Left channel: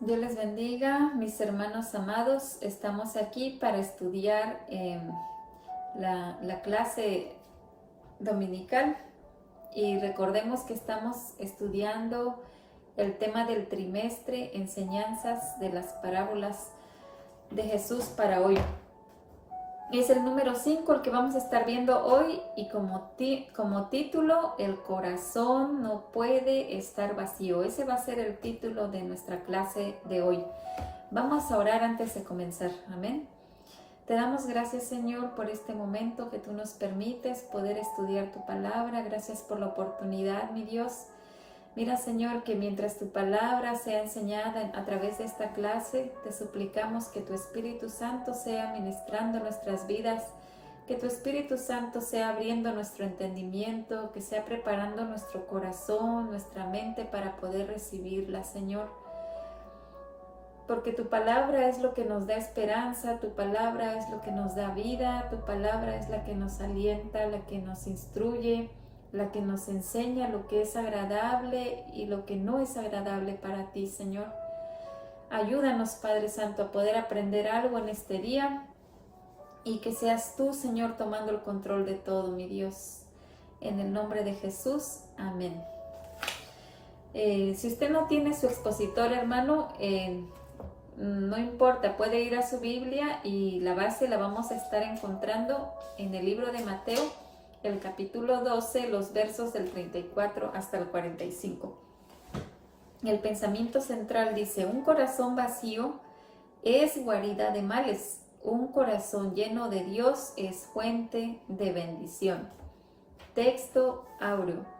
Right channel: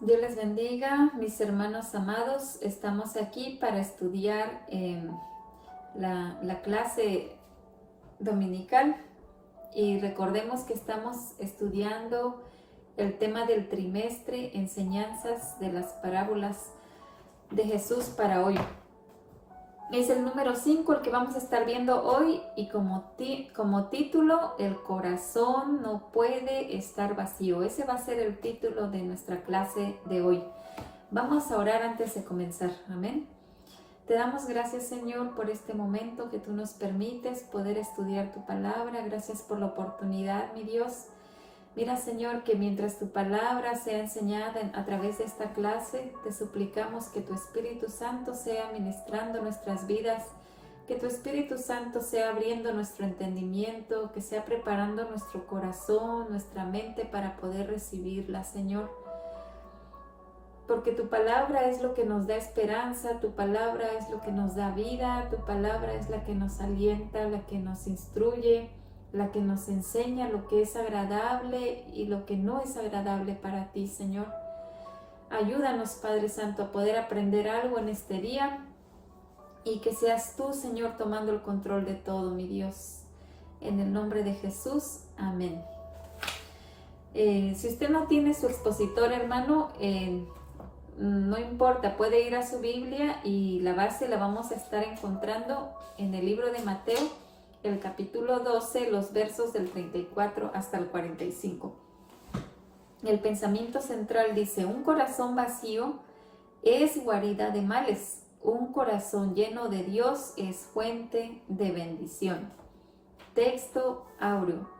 Dios les bendiga, mis hermanos amados. Estamos aquí para estudiar la clase dominical y recordemos que estamos estudiando el tema del trimestre, enseñanzas de las parábolas de Jesús para hoy. Es el número 5 el que vamos a estar viendo hoy y como título, el corazón no puede estar vacío. Ese va a ser el título de nuestra clase de hoy. Vamos a orar antes de comenzar. Amén. Te damos gracias, Señor, por este momento que tú nos permites poder estudiar tu palabra. Gracias por la oportunidad, mi Dios. Mira, Señor, que mientras tu palabra sea enseñada a través de esta clase, te suplicamos que tu Espíritu Santo sea ministrando nuestras vidas, que tu Espíritu Santo sea abriendo nuestro entendimiento, que sea preparando nuestro corazón, nuestra mente para poder recibirla, Señor. Porque tu palabra es lo que nos da esperanza, tu palabra es lo que nos da vida, tu palabra es la que nos alienta, la que nos instruye, la que nos enseña lo que es agradable y lo que no es agradable para ti, Señor. Ayúdanos, Padre Santo, a poder aprender algo en este día y que seas tú, Señor, tomando el control de todo, mi Dios. En el nombre de Jesús, amén. Si usted no tiene su expositor, hermano, no importa, puede ir a su Biblia y la base la vamos a estar encontrando en el libro de Mateo, el capítulo 12, los versos del 34 hasta el 45. El pensamiento central dice: un corazón vacío es guarida de males, un corazón lleno de Dios es fuente de bendición. Texto áureo:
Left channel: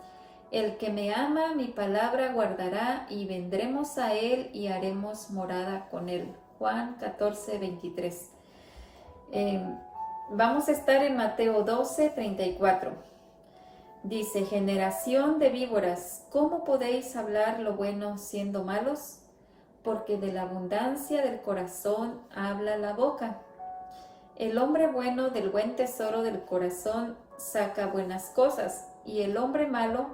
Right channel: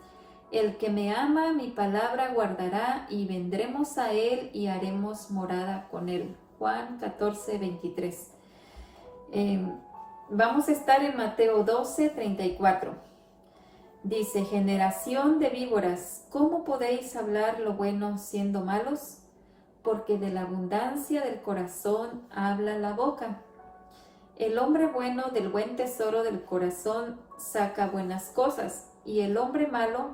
el que me ama, mi palabra guardará, y vendremos a él y haremos morada con él. Juan 14, 23. Vamos a estar en Mateo 12, 34. Dice: generación de víboras, ¿cómo podéis hablar lo bueno siendo malos? Porque de la abundancia del corazón habla la boca. El hombre bueno del buen tesoro del corazón saca buenas cosas, y el hombre malo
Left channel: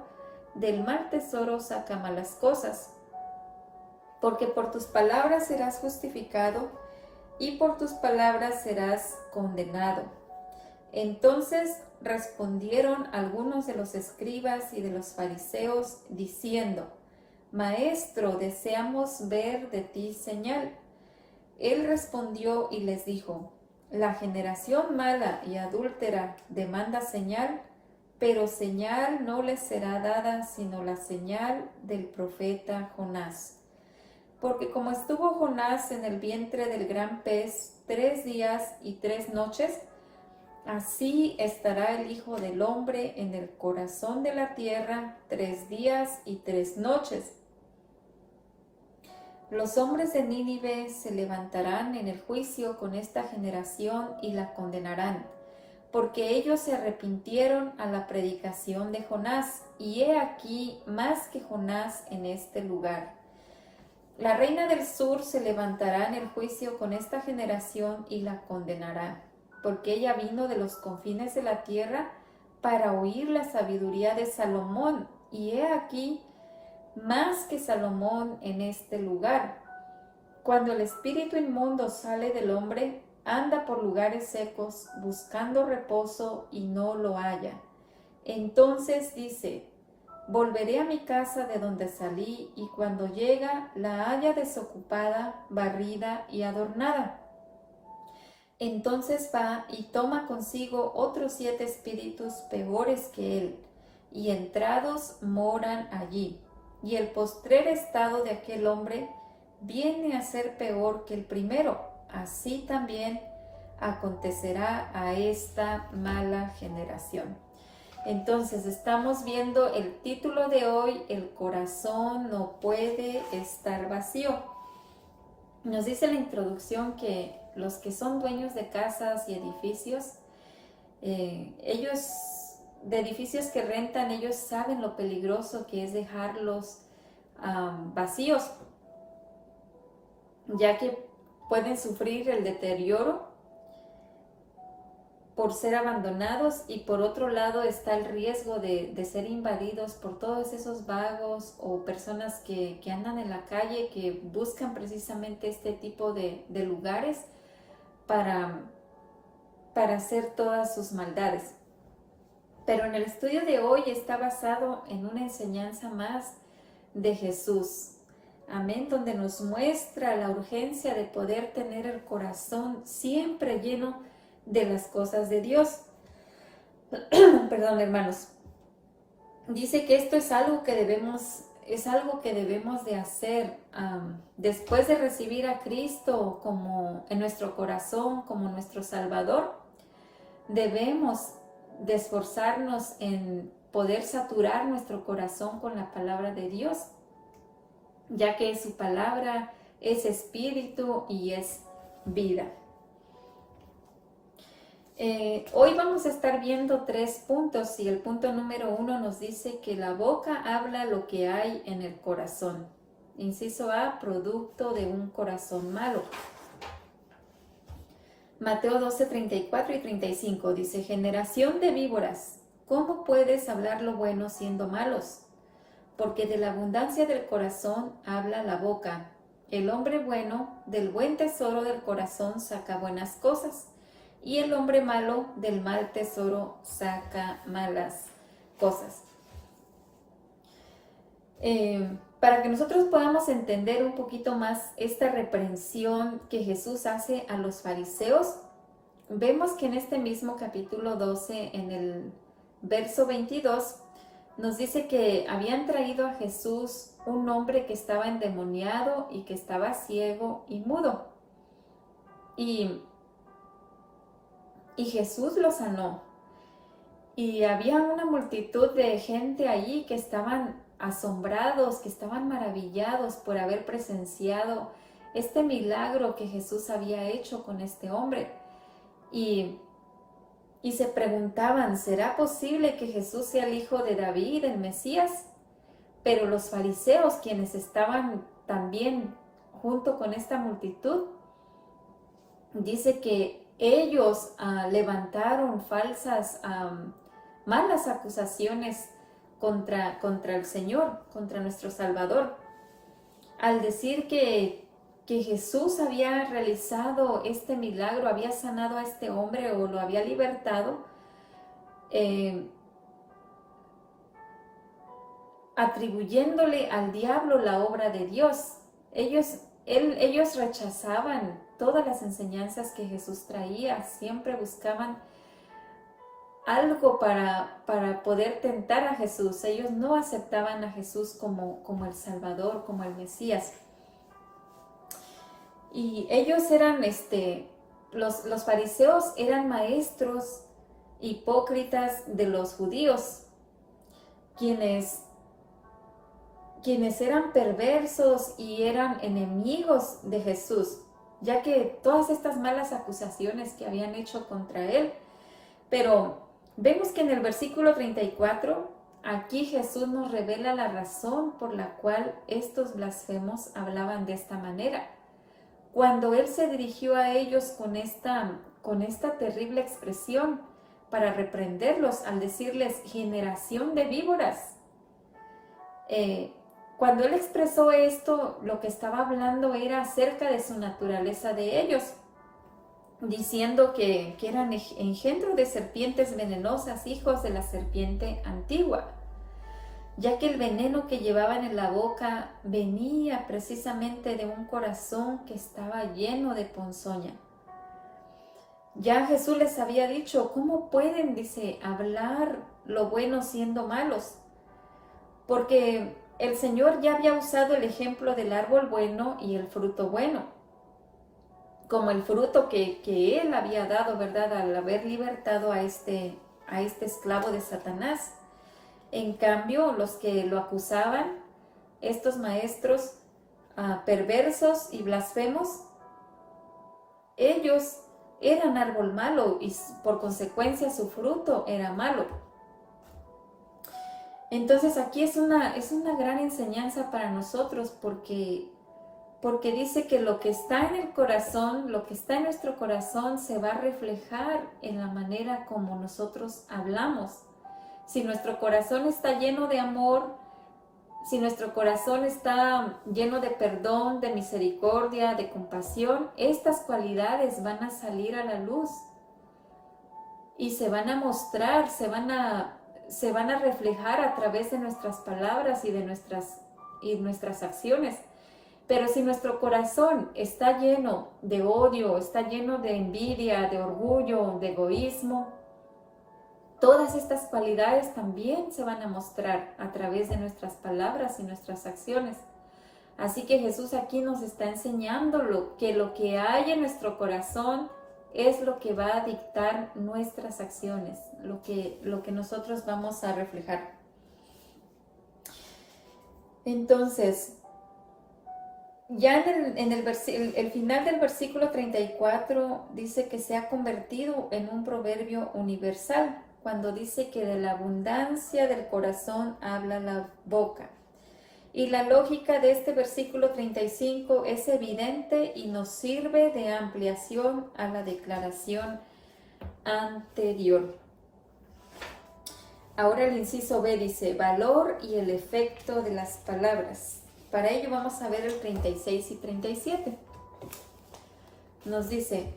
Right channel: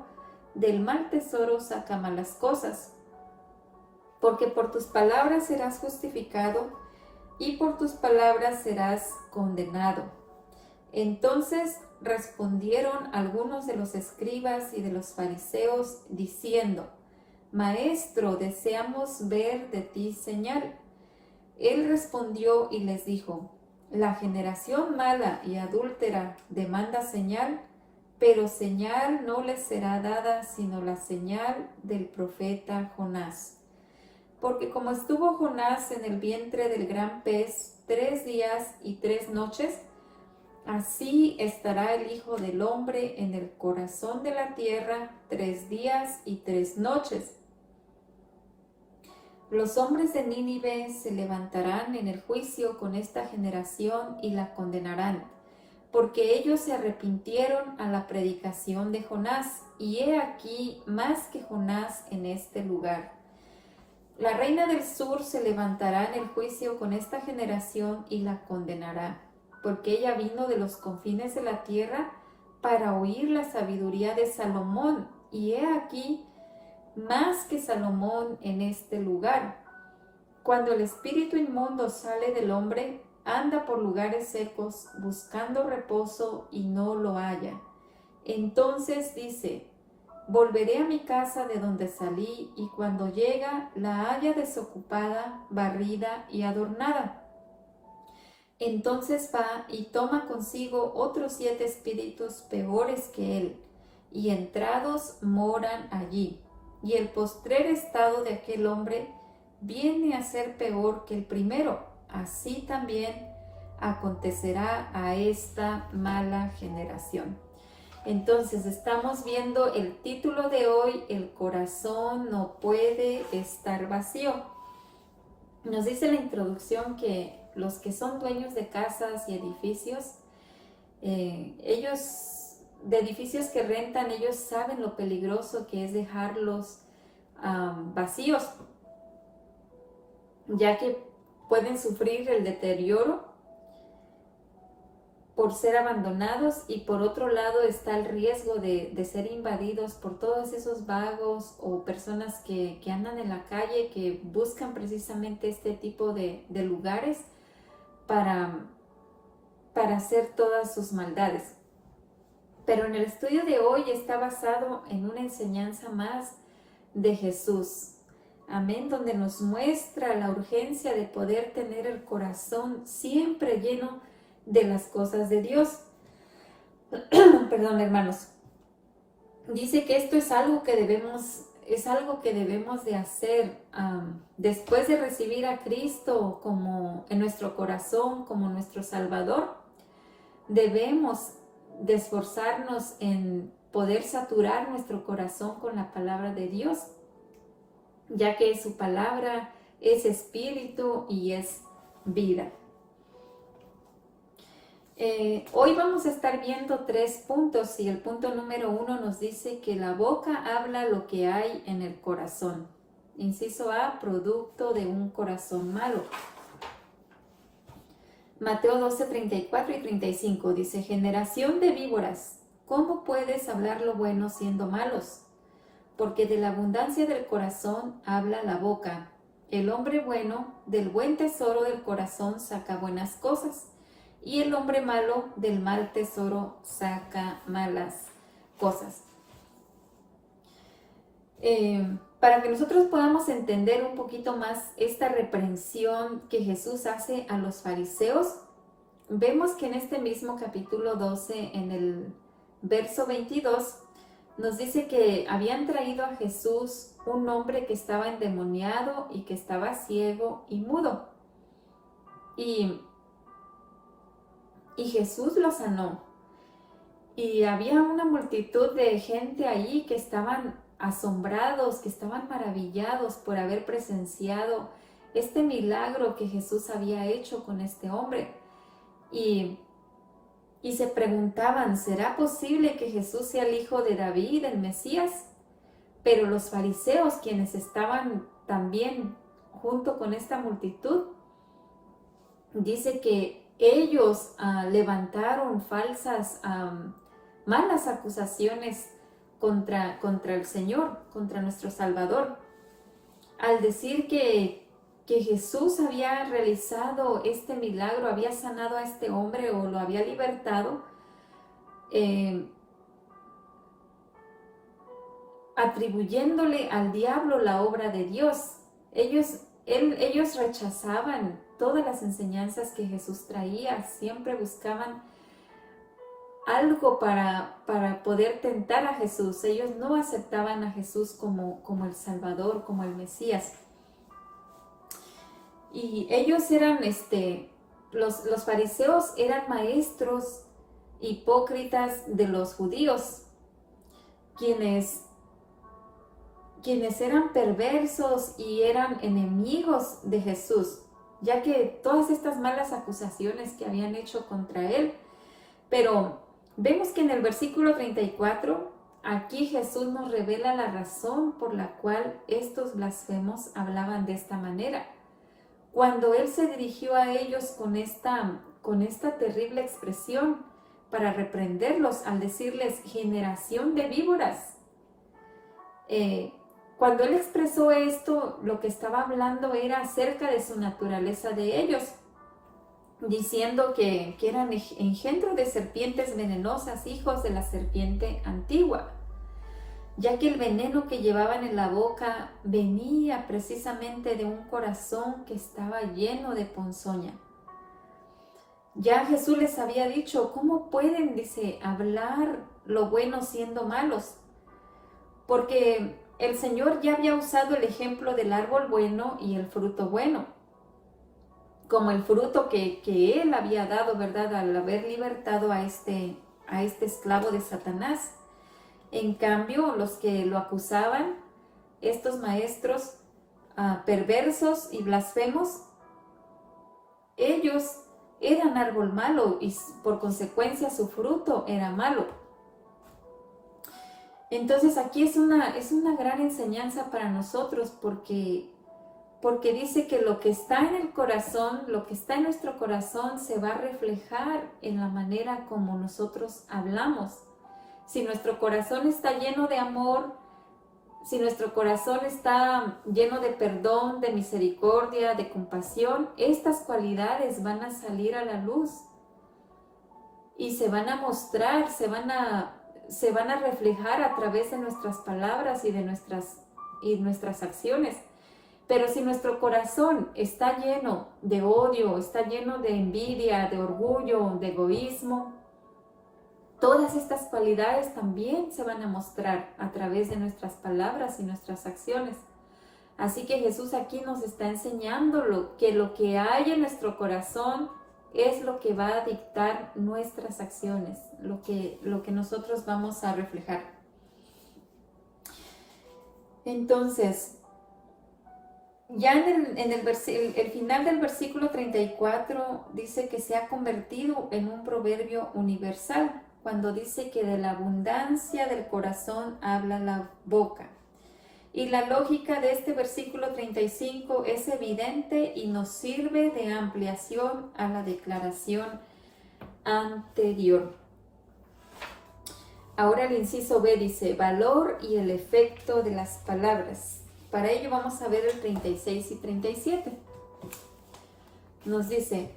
del mal tesoro saca malas cosas. Porque por tus palabras serás justificado, y por tus palabras serás condenado. Entonces respondieron algunos de los escribas y de los fariseos, diciendo: Maestro, deseamos ver de ti señal. Él respondió y les dijo: la generación mala y adúltera demanda señal, pero señal no les será dada sino la señal del profeta Jonás. Porque como estuvo Jonás en el vientre del gran pez 3 días y 3 noches, así estará el Hijo del Hombre en el corazón de la tierra 3 días y 3 noches. Los hombres de Nínive se levantarán en el juicio con esta generación y la condenarán, porque ellos se arrepintieron a la predicación de Jonás, y he aquí más que Jonás en este lugar. La reina del sur se levantará en el juicio con esta generación y la condenará, porque ella vino de los confines de la tierra para oír la sabiduría de Salomón, y he aquí más que Salomón en este lugar. Cuando el espíritu inmundo sale del hombre, anda por lugares secos buscando reposo y no lo halla. Entonces dice: volveré a mi casa de donde salí, y cuando llega la halla desocupada, barrida y adornada. Entonces va y toma consigo otros 7 espíritus peores que él, y entrados moran allí. Y el postrer estado de aquel hombre viene a ser peor que el primero. Así también acontecerá a esta mala generación. Entonces estamos viendo el título de hoy: el corazón no puede estar vacío. Nos dice la introducción que los que son dueños de casas y edificios, de edificios que rentan, ellos saben lo peligroso que es dejarlos vacíos, ya que pueden sufrir el deterioro por ser abandonados, y por otro lado está el riesgo de ser invadidos por todos esos vagos o personas que andan en la calle, que buscan precisamente este tipo de lugares para hacer todas sus maldades. Pero en el estudio de hoy está basado en una enseñanza más de Jesús. Amén, donde nos muestra la urgencia de poder tener el corazón siempre lleno de las cosas de Dios. Perdón, hermanos. Dice que esto es algo que debemos de hacer después de recibir a Cristo como en nuestro corazón, como nuestro Salvador. Debemos de esforzarnos en poder saturar nuestro corazón con la palabra de Dios, ya que su palabra es espíritu y es vida. Hoy vamos a estar viendo 3 puntos, y el punto número 1 nos dice que la boca habla lo que hay en el corazón. Inciso A, producto de un corazón malo. Mateo 12, 34 y 35 dice: generación de víboras, ¿cómo puedes hablar lo bueno siendo malos? Porque de la abundancia del corazón habla la boca. El hombre bueno del buen tesoro del corazón saca buenas cosas, y el hombre malo del mal tesoro saca malas cosas. Para que nosotros podamos entender un poquito más esta reprensión que Jesús hace a los fariseos, vemos que en este mismo capítulo 12, en el verso 22, nos dice que habían traído a Jesús un hombre que estaba endemoniado y que estaba ciego y mudo. Y Jesús lo sanó. Y había una multitud de gente allí que estaban asombrados, que estaban maravillados por haber presenciado este milagro que Jesús había hecho con este hombre. Y se preguntaban, ¿será posible que Jesús sea el hijo de David, el Mesías? Pero los fariseos, quienes estaban también junto con esta multitud, dice que ellos levantaron falsas, malas acusaciones contra el Señor, contra nuestro Salvador, al decir que Jesús había realizado este milagro, había sanado a este hombre o lo había libertado, atribuyéndole al diablo la obra de Dios. Ellos rechazaban todas las enseñanzas que Jesús traía, siempre buscaban algo para poder tentar a Jesús. Ellos no aceptaban a Jesús como el Salvador, como el Mesías. Y ellos eran, los fariseos eran maestros hipócritas de los judíos, quienes eran perversos y eran enemigos de Jesús, ya que todas estas malas acusaciones que habían hecho contra él. Pero vemos que en el versículo 34, aquí Jesús nos revela la razón por la cual estos blasfemos hablaban de esta manera. Cuando él se dirigió a ellos con esta terrible expresión para reprenderlos, al decirles generación de víboras, cuando él expresó esto, lo que estaba hablando era acerca de su naturaleza de ellos, diciendo que eran engendro de serpientes venenosas, hijos de la serpiente antigua, ya que el veneno que llevaban en la boca venía precisamente de un corazón que estaba lleno de ponzoña. Ya Jesús les había dicho, ¿cómo pueden, dice, hablar lo bueno siendo malos? Porque el Señor ya había usado el ejemplo del árbol bueno y el fruto bueno, como el fruto que Él había dado, ¿verdad?, al haber libertado a este esclavo de Satanás. En cambio, los que lo acusaban, estos maestros perversos y blasfemos, ellos eran árbol malo y por consecuencia su fruto era malo. Entonces aquí es una gran enseñanza para nosotros, porque porque dice que lo que está en el corazón, lo que está en nuestro corazón se va a reflejar en la manera como nosotros hablamos. Si nuestro corazón está lleno de amor, si nuestro corazón está lleno de perdón, de misericordia, de compasión, estas cualidades van a salir a la luz y se van a mostrar, se van a reflejar a través de nuestras palabras y de nuestras acciones. Pero si nuestro corazón está lleno de odio, está lleno de envidia, de orgullo, de egoísmo, todas estas cualidades también se van a mostrar a través de nuestras palabras y nuestras acciones. Así que Jesús aquí nos está enseñando que lo que hay en nuestro corazón es lo que va a dictar nuestras acciones, lo que nosotros vamos a reflejar. Entonces, ya en el final del versículo 34 dice que se ha convertido en un proverbio universal, cuando dice que de la abundancia del corazón habla la boca. Y la lógica de este versículo 35 es evidente y nos sirve de ampliación a la declaración anterior. Ahora el inciso B dice, valor y el efecto de las palabras. Para ello vamos a ver el 36 y 37. Nos dice,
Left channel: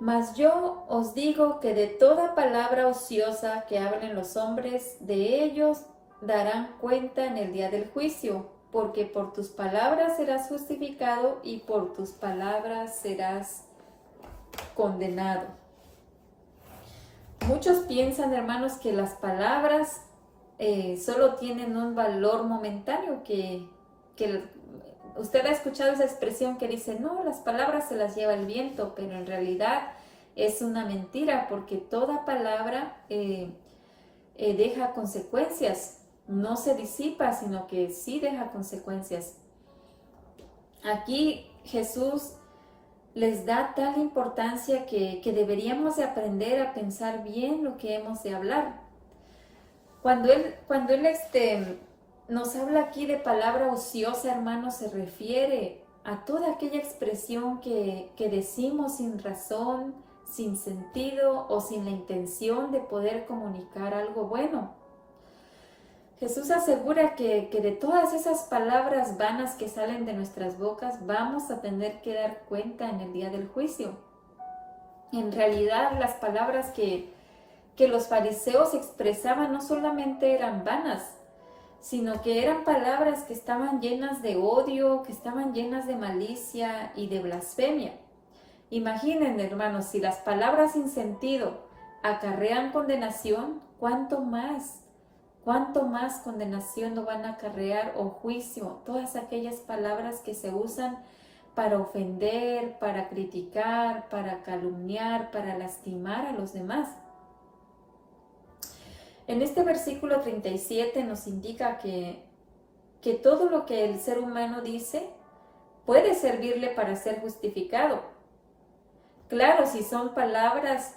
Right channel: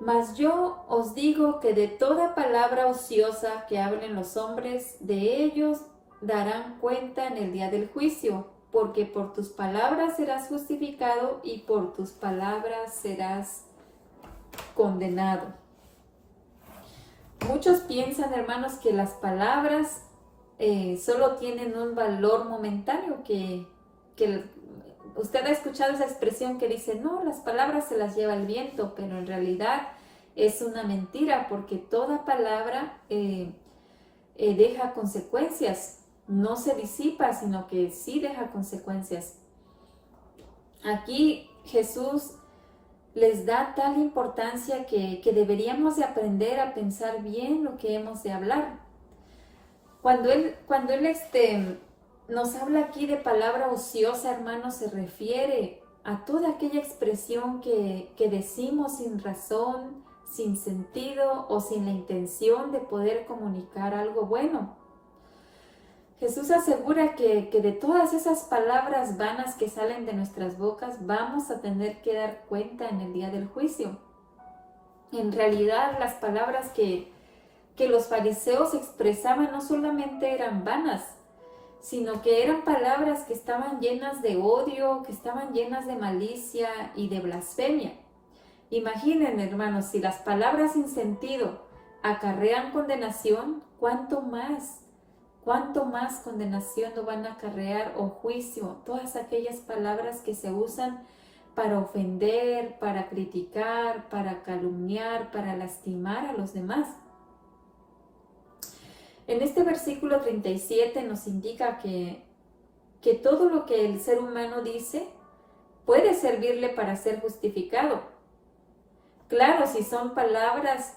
mas yo os digo que de toda palabra ociosa que hablen los hombres, de ellos darán cuenta en el día del juicio, porque por tus palabras serás justificado y por tus palabras serás condenado. Muchos piensan, hermanos, que las palabras solo tienen un valor momentáneo, que usted ha escuchado esa expresión que dice, no, las palabras se las lleva el viento, pero en realidad es una mentira, porque toda palabra deja consecuencias. No se disipa, sino que sí deja consecuencias. Aquí Jesús les da tal importancia que deberíamos de aprender a pensar bien lo que hemos de hablar. Cuando él nos habla aquí de palabra ociosa, hermanos, se refiere a toda aquella expresión que decimos sin razón, sin sentido o sin la intención de poder comunicar algo bueno. Jesús asegura que de todas esas palabras vanas que salen de nuestras bocas vamos a tener que dar cuenta en el día del juicio. En realidad, las palabras que los fariseos expresaban no solamente eran vanas, sino que eran palabras que estaban llenas de odio, que estaban llenas de malicia y de blasfemia. Imaginen, hermanos, si las palabras sin sentido acarrean condenación, ¿cuánto más condenación no van a acarrear o juicio? Todas aquellas palabras que se usan para ofender, para criticar, para calumniar, para lastimar a los demás. En este versículo 37 nos indica que todo lo que el ser humano dice puede servirle para ser justificado. Claro, si son palabras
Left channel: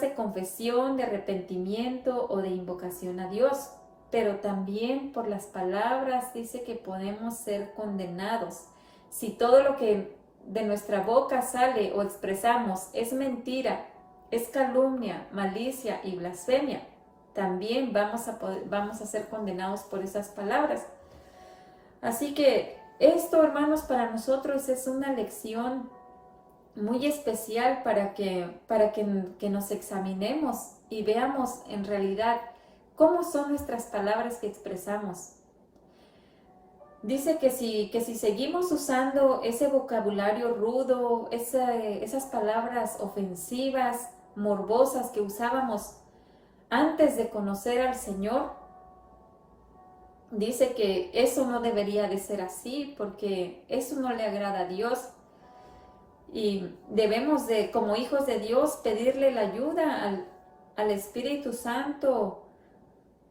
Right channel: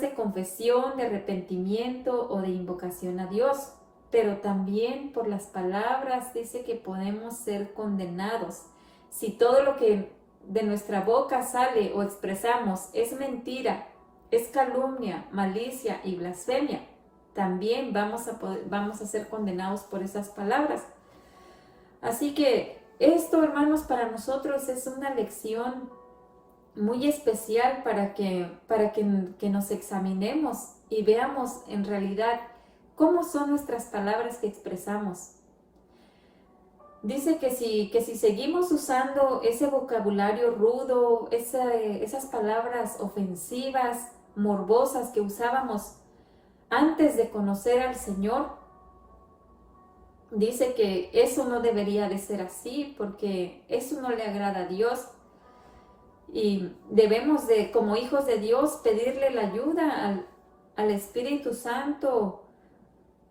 de confesión, de arrepentimiento o de invocación a Dios, pero también por las palabras dice que podemos ser condenados. Si todo lo que de nuestra boca sale o expresamos es mentira, es calumnia, malicia y blasfemia, también vamos a ser condenados por esas palabras. Así que esto, hermanos, para nosotros es una lección muy especial para que nos examinemos y veamos en realidad cómo son nuestras palabras que expresamos. Dice que si seguimos usando ese vocabulario rudo, esas palabras ofensivas, morbosas que usábamos antes de conocer al Señor, dice que eso no debería de ser así, porque eso no le agrada a Dios. Y debemos de, como hijos de Dios, pedirle la ayuda al Espíritu Santo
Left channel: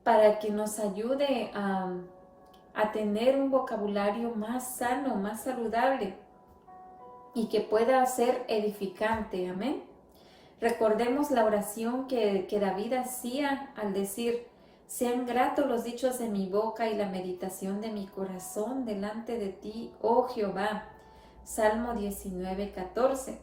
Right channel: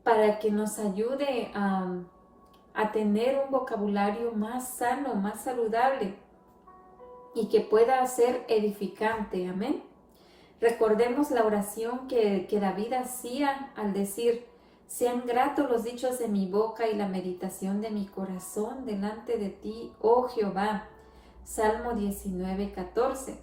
para que nos ayude a tener un vocabulario más sano, más saludable y que pueda ser edificante. Amén. Recordemos la oración que David hacía al decir, Sean gratos los dichos de mi boca y la meditación de mi corazón delante de ti, oh Jehová. Salmo 19:14.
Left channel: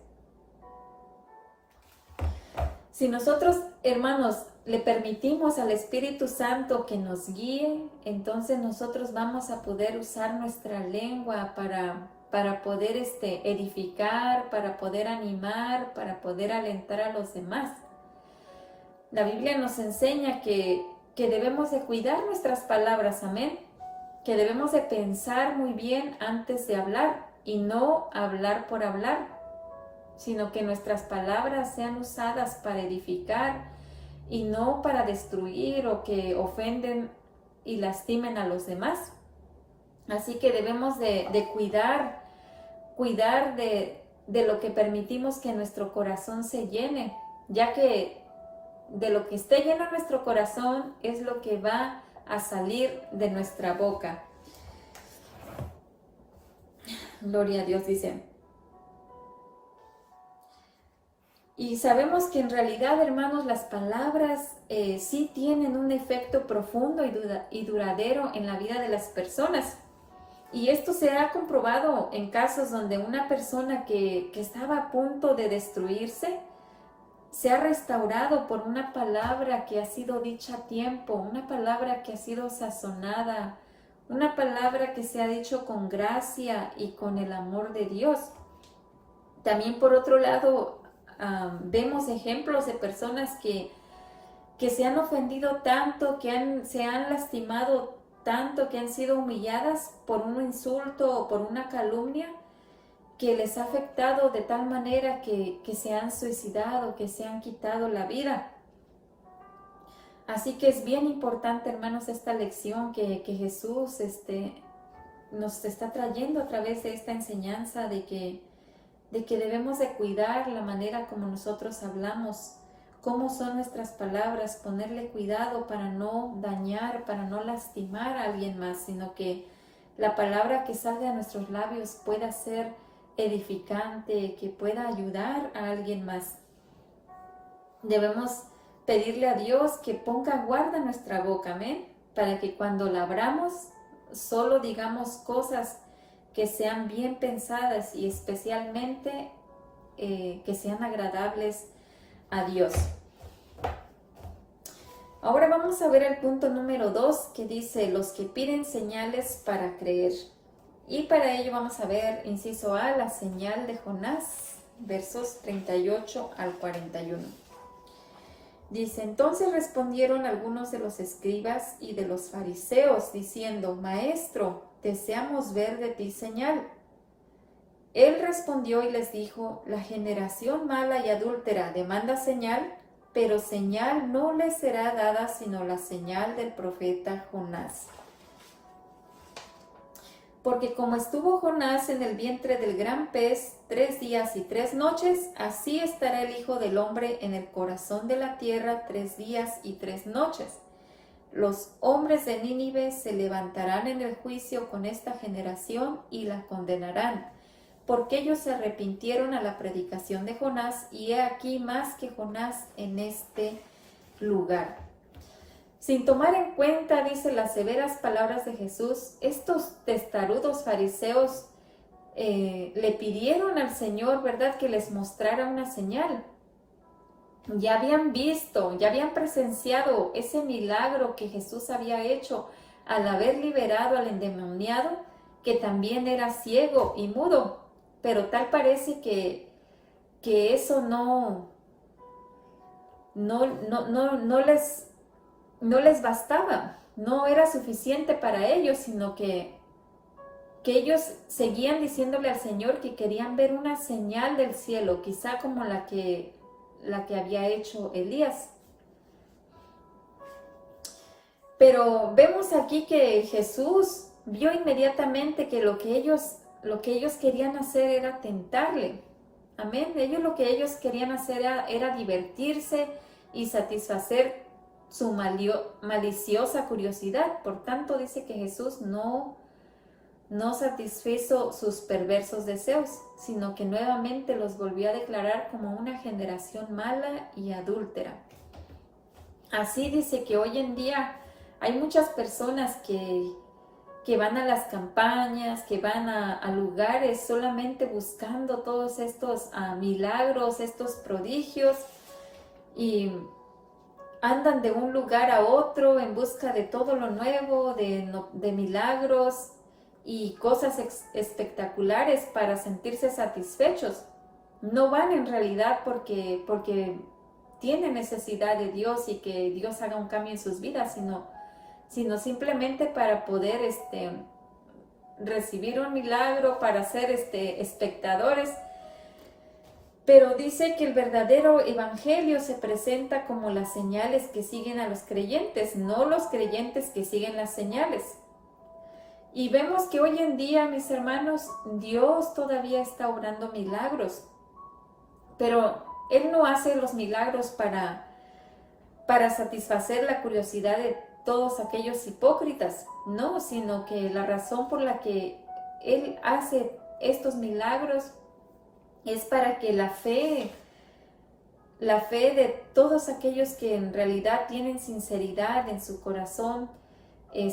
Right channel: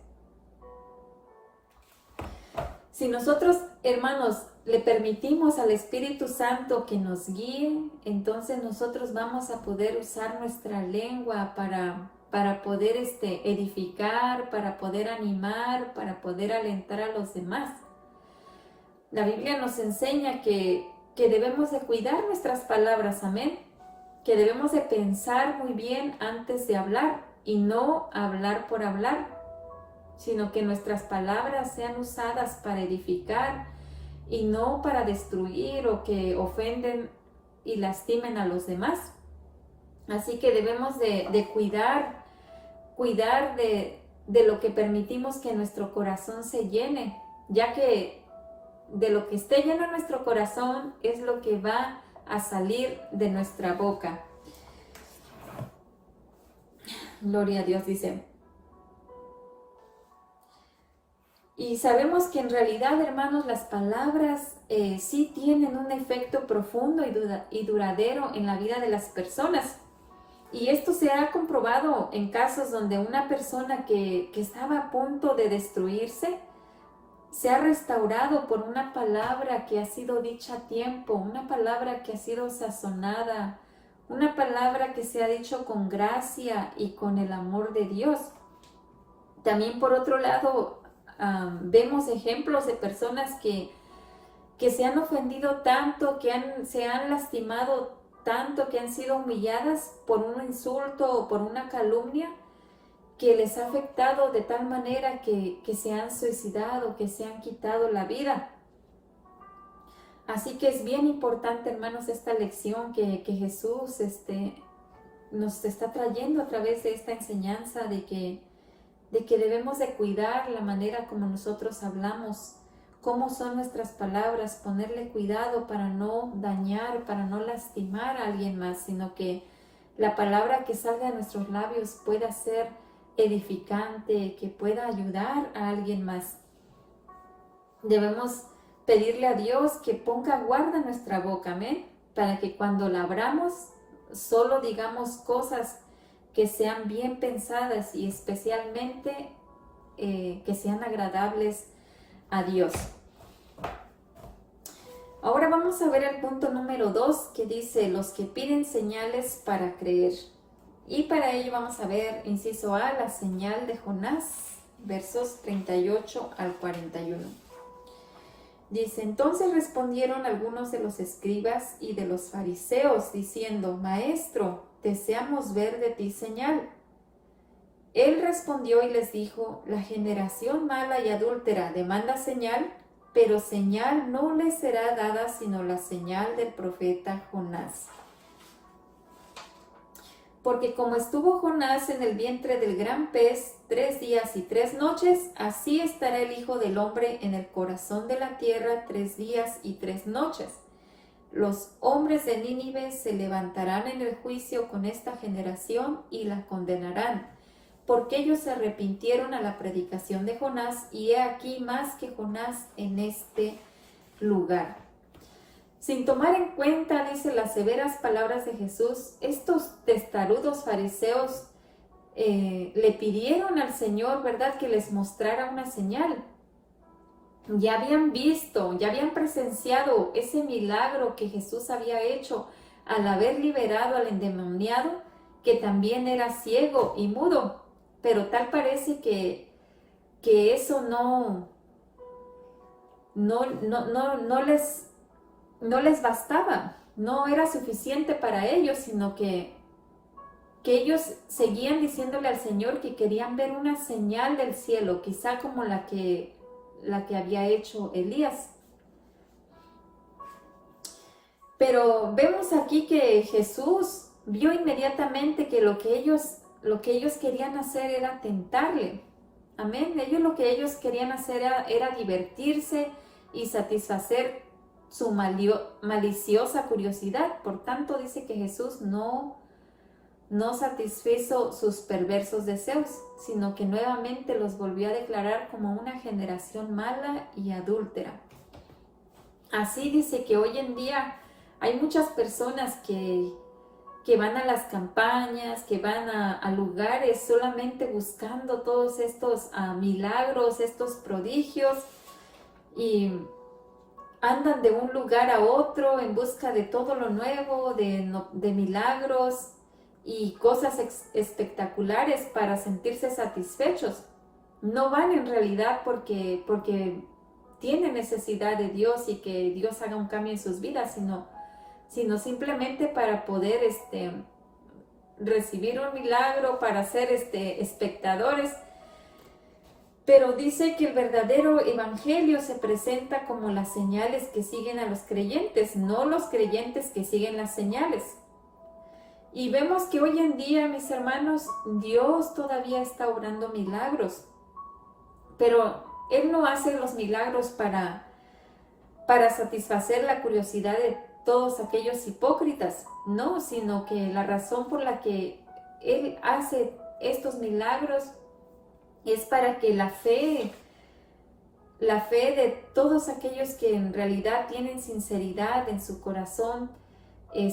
Si nosotros, hermanos, le permitimos al Espíritu Santo que nos guíe, entonces nosotros vamos a poder usar nuestra lengua para poder edificar, para poder animar, para poder alentar a los demás. La Biblia nos enseña que debemos de cuidar nuestras palabras, amén, que debemos de pensar muy bien antes de hablar y no hablar por hablar, sino que nuestras palabras sean usadas para edificar y no para destruir o que ofenden y lastimen a los demás. Así que debemos de cuidar de lo que permitimos que nuestro corazón se llene, ya que de lo que esté lleno nuestro corazón es lo que va a salir de nuestra boca. Gloria a Dios, dice. Y sabemos que en realidad, hermanos, las palabras sí tienen un efecto profundo y duradero en la vida de las personas. Y esto se ha comprobado en casos donde una persona que estaba a punto de destruirse se ha restaurado por una palabra que ha sido dicha a tiempo, una palabra que ha sido sazonada, una palabra que se ha dicho con gracia y con el amor de Dios. También por otro lado, vemos ejemplos de personas que se han ofendido tanto, se han lastimado tanto, que han sido humilladas por un insulto o por una calumnia, que les ha afectado de tal manera que se han suicidado, que se han quitado la vida. Así que es bien importante, hermanos, esta lección que Jesús nos está trayendo a través de esta enseñanza de que debemos de cuidar la manera como nosotros hablamos, cómo son nuestras palabras, ponerle cuidado para no dañar, para no lastimar a alguien más, sino que la palabra que salga de nuestros labios pueda ser edificante, que pueda ayudar a alguien más. Debemos pedirle a Dios que ponga guarda en nuestra boca, amén, para que cuando la abramos solo digamos cosas que sean bien pensadas y especialmente que sean agradables a Dios. Ahora vamos a ver el punto número 2 que dice los que piden señales para creer. Y para ello vamos a ver, inciso A, la señal de Jonás, versos 38 al 41. Dice, entonces respondieron algunos de los escribas y de los fariseos, diciendo, Maestro, deseamos ver de ti señal. Él respondió y les dijo, la generación mala y adúltera demanda señal, pero señal no les será dada sino la señal del profeta Jonás. Porque como estuvo Jonás en el vientre del gran pez 3 días y 3 noches, así estará el Hijo del Hombre en el corazón de la tierra 3 días y 3 noches. Los hombres de Nínive se levantarán en el juicio con esta generación y la condenarán, porque ellos se arrepintieron a la predicación de Jonás, y he aquí más que Jonás en este lugar. Sin tomar en cuenta, dice, las severas palabras de Jesús, estos testarudos fariseos le pidieron al Señor, ¿verdad?, que les mostrara una señal. Ya habían visto, ya habían presenciado ese milagro que Jesús había hecho al haber liberado al endemoniado, que también era ciego y mudo. Pero tal parece que eso no les bastaba, no era suficiente para ellos, sino que ellos seguían diciéndole al Señor que querían ver una señal del cielo, quizá como la que había hecho Elías. Pero vemos aquí que Jesús vio inmediatamente que lo que ellos querían hacer era tentarle. Amén. Lo que ellos querían hacer era divertirse y satisfacer su maliciosa curiosidad. Por tanto, dice que Jesús no satisfizo sus perversos deseos, sino que nuevamente los volvió a declarar como una generación mala y adúltera. Así dice que hoy en día Hay muchas personas que van a las campañas, que van a lugares solamente buscando todos estos milagros, estos prodigios, y andan de un lugar a otro en busca de todo lo nuevo, de milagros y cosas espectaculares para sentirse satisfechos. No van en realidad porque tienen necesidad de Dios y que Dios haga un cambio en sus vidas, sino simplemente para poder recibir un milagro, para ser espectadores. Pero dice que el verdadero evangelio se presenta como las señales que siguen a los creyentes, no los creyentes que siguen las señales. Y vemos que hoy en día, mis hermanos, Dios todavía está obrando milagros, pero Él no hace los milagros para satisfacer la curiosidad de todos aquellos hipócritas, no, sino que la razón por la que Él hace estos milagros es para que la fe de todos aquellos que en realidad tienen sinceridad en su corazón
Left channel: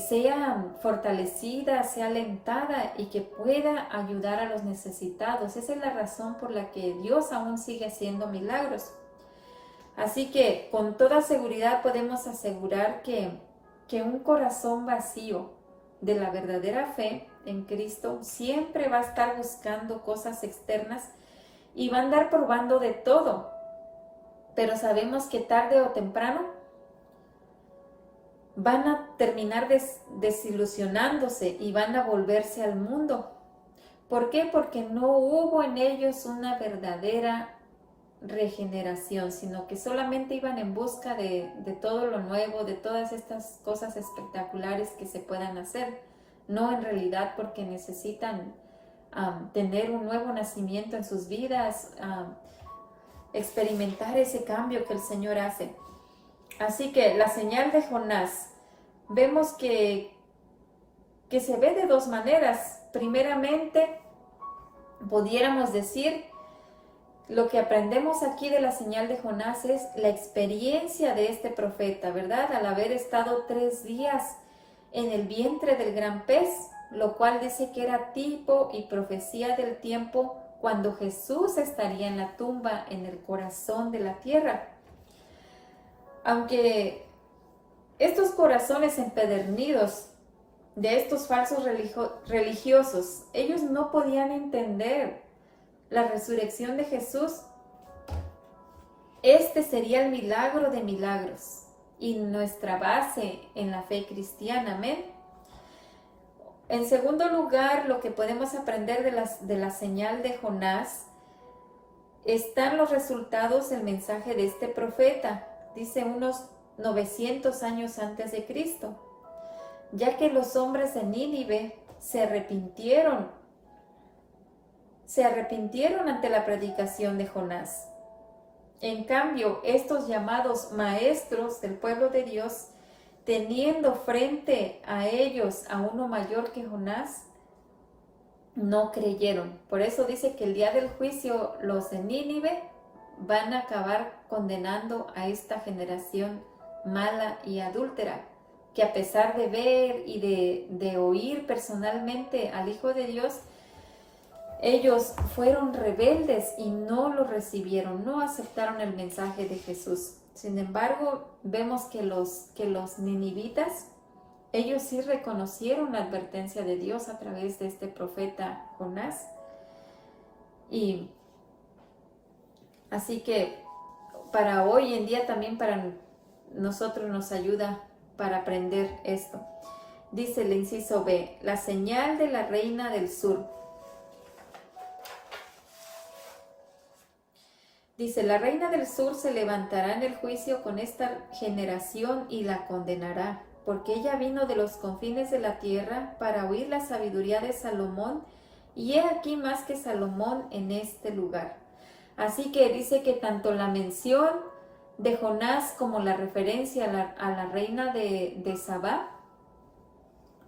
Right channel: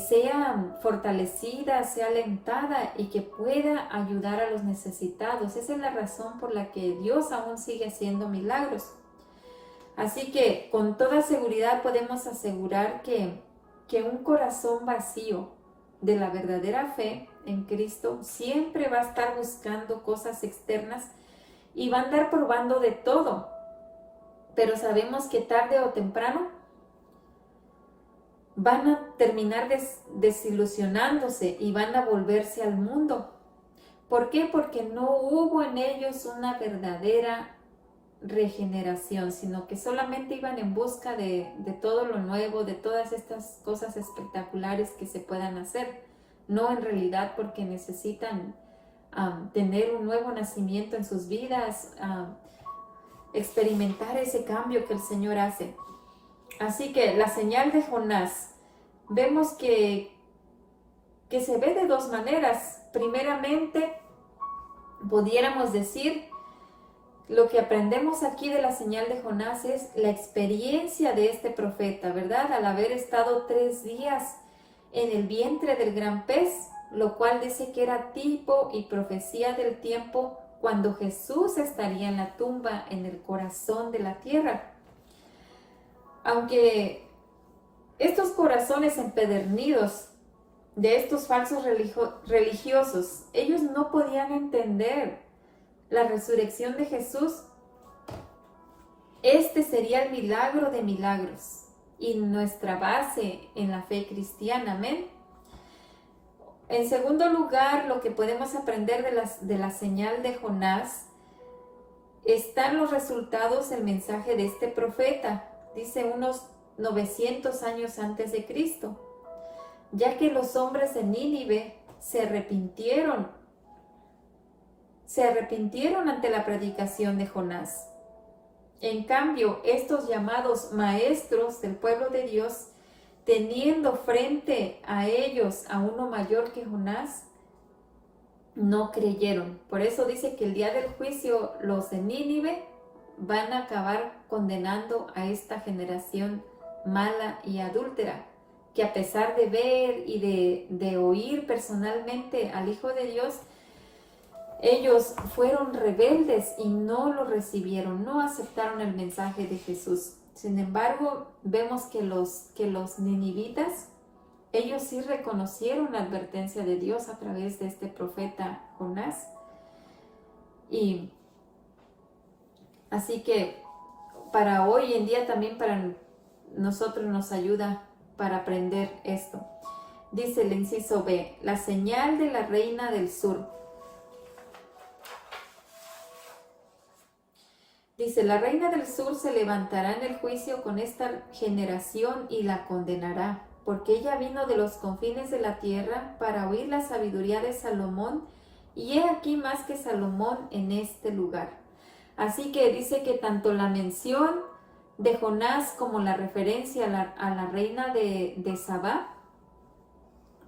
sea fortalecida, sea alentada y que pueda ayudar a los necesitados. Esa es la razón por la que Dios aún sigue haciendo milagros. Así que con toda seguridad podemos asegurar que un corazón vacío de la verdadera fe en Cristo siempre va a estar buscando cosas externas y va a andar probando de todo. Pero sabemos que tarde o temprano van a terminar desilusionándose y van a volverse al mundo. ¿Por qué? Porque no hubo en ellos una verdadera regeneración, sino que solamente iban en busca de todo lo nuevo, de todas estas cosas espectaculares que se puedan hacer, no en realidad porque necesitan tener un nuevo nacimiento en sus vidas, experimentar ese cambio que el Señor hace. Así que la señal de Jonás, vemos que se ve de dos maneras. Primeramente, pudiéramos decir, lo que aprendemos aquí de la señal de Jonás es la experiencia de este profeta, ¿verdad? Al haber estado 3 días en el vientre del gran pez, lo cual dice que era tipo y profecía del tiempo cuando Jesús estaría en la tumba, en el corazón de la tierra. Aunque estos corazones empedernidos de estos falsos religiosos, ellos no podían entender la resurrección de Jesús, este sería el milagro de milagros y nuestra base en la fe cristiana, amén. En segundo lugar, lo que podemos aprender de la señal de Jonás están los resultados del mensaje de este profeta, dice unos 900 años antes de Cristo, ya que los hombres de Nínive se arrepintieron ante la predicación de Jonás. En cambio, estos llamados maestros del pueblo de Dios, teniendo frente a ellos a uno mayor que Jonás, no creyeron. Por eso dice que el día del juicio los de Nínive van a acabar condenando a esta generación mala y adúltera, que a pesar de ver y de oír personalmente al Hijo de Dios, ellos fueron rebeldes y no lo recibieron, no aceptaron el mensaje de Jesús. Sin embargo, vemos que los ninivitas, ellos sí reconocieron la advertencia de Dios a través de este profeta Jonás. Y así que para hoy en día también para nosotros nos ayuda para aprender esto. Dice el inciso B, la señal de la reina del sur. Dice, la reina del sur se levantará en el juicio con esta generación y la condenará, porque ella vino de los confines de la tierra para oír la sabiduría de Salomón, y he aquí más que Salomón en este lugar. Así que dice que tanto la mención de Jonás como la referencia a la reina de Sabá,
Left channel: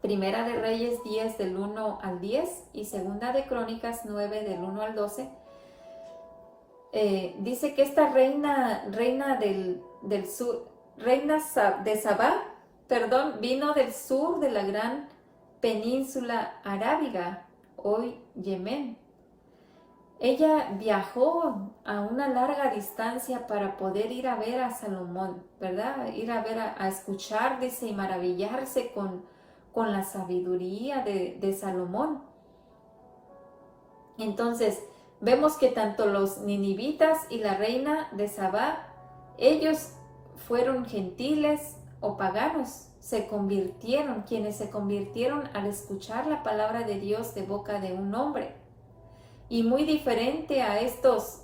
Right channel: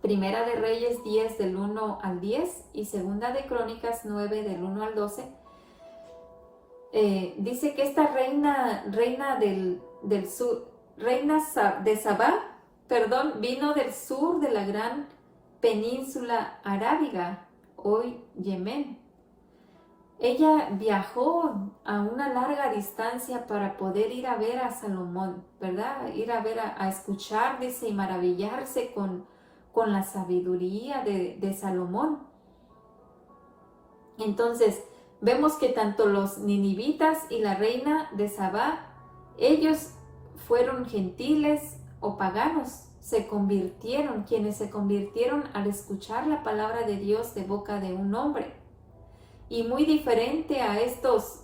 Primera de Reyes 10 del 1 al 10 y Segunda de Crónicas 9 del 1 al 12, dice que esta reina del sur, reina de Sabá, perdón, vino del sur de la gran península arábiga, hoy Yemen. Ella viajó a una larga distancia para poder ir a ver a Salomón, ¿verdad? Ir a ver, a escuchar, dice, y maravillarse con la sabiduría de Salomón. Entonces, vemos que tanto los ninivitas y la reina de Sabá, ellos fueron gentiles o paganos, quienes se convirtieron al escuchar la palabra de Dios de boca de un hombre. Y muy diferente a estos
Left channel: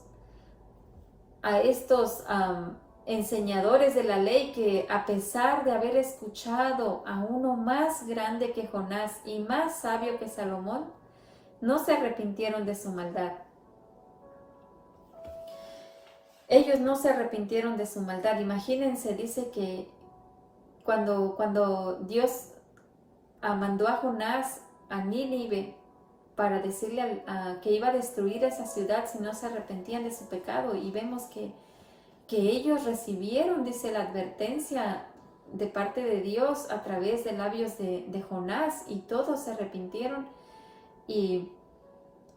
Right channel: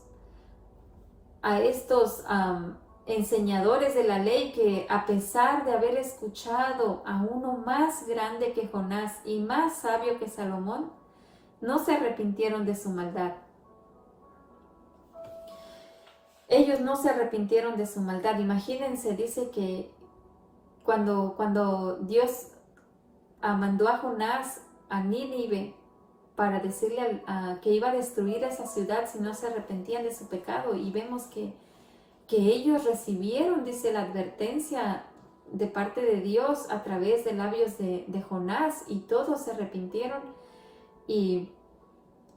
enseñadores de la ley que, a pesar de haber escuchado a uno más grande que Jonás y más sabio que Salomón, no se arrepintieron de su maldad. Ellos no se arrepintieron de su maldad. Imagínense, dice que cuando Dios mandó a Jonás a Nínive para decirle que iba a destruir esa ciudad si no se arrepentían de su pecado, y vemos que ellos recibieron, dice, la advertencia de parte de Dios a través de labios de Jonás, y todos se arrepintieron. Y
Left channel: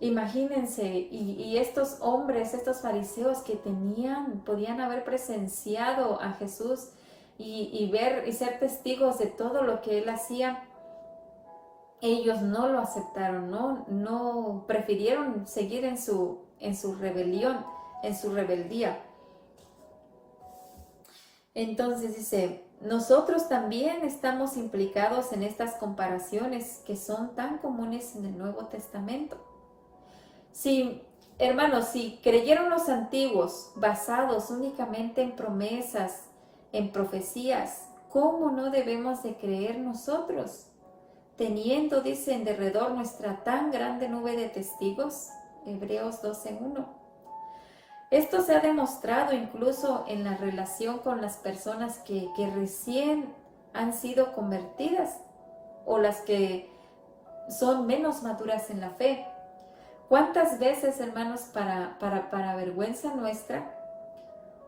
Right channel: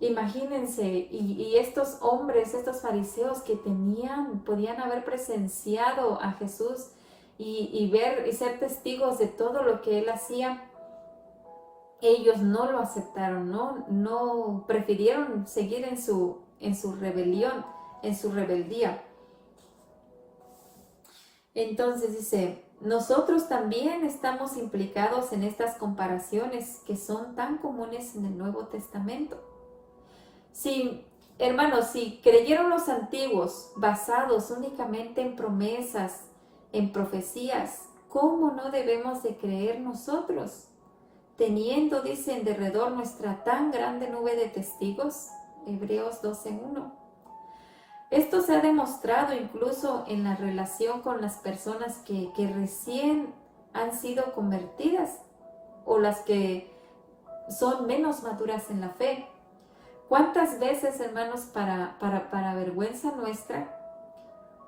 imagínense, y estos hombres, estos fariseos que podían haber presenciado a Jesús y ver y ser testigos de todo lo que él hacía, ellos no lo aceptaron, no prefirieron seguir en su rebelión, en su rebeldía. Entonces dice, nosotros también estamos implicados en estas comparaciones que son tan comunes en el Nuevo Testamento. Hermanos, si creyeron los antiguos basados únicamente en promesas, en profecías, ¿cómo no debemos de creer nosotros? Teniendo, dice, en derredor nuestra tan grande nube de testigos, Hebreos 12:1. Esto se ha demostrado incluso en la relación con las personas que recién han sido convertidas o las que son menos maduras en la fe. ¿Cuántas veces, hermanos, para vergüenza nuestra,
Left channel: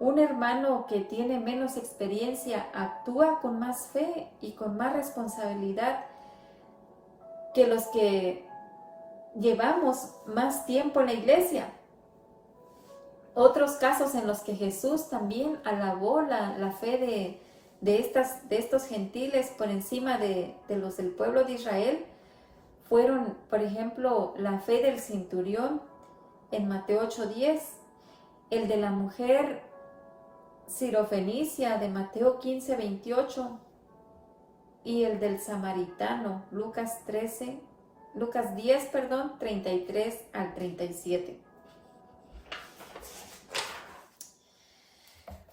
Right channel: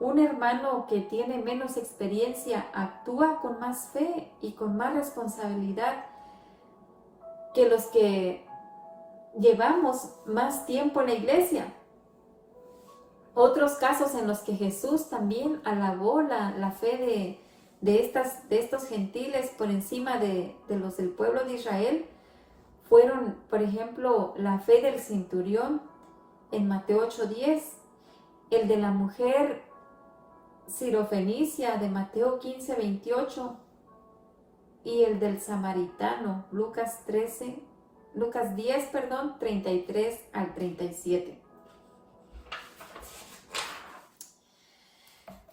un hermano que tiene menos experiencia actúa con más fe y con más responsabilidad que los que llevamos más tiempo en la iglesia? Otros casos en los que Jesús también alabó la fe de estos gentiles por encima de los del pueblo de Israel fueron, por ejemplo, la fe del centurión en Mateo 8:10, el de la mujer sirofenicia de Mateo 15:28 y el del samaritano, Lucas 10, 33 al 37.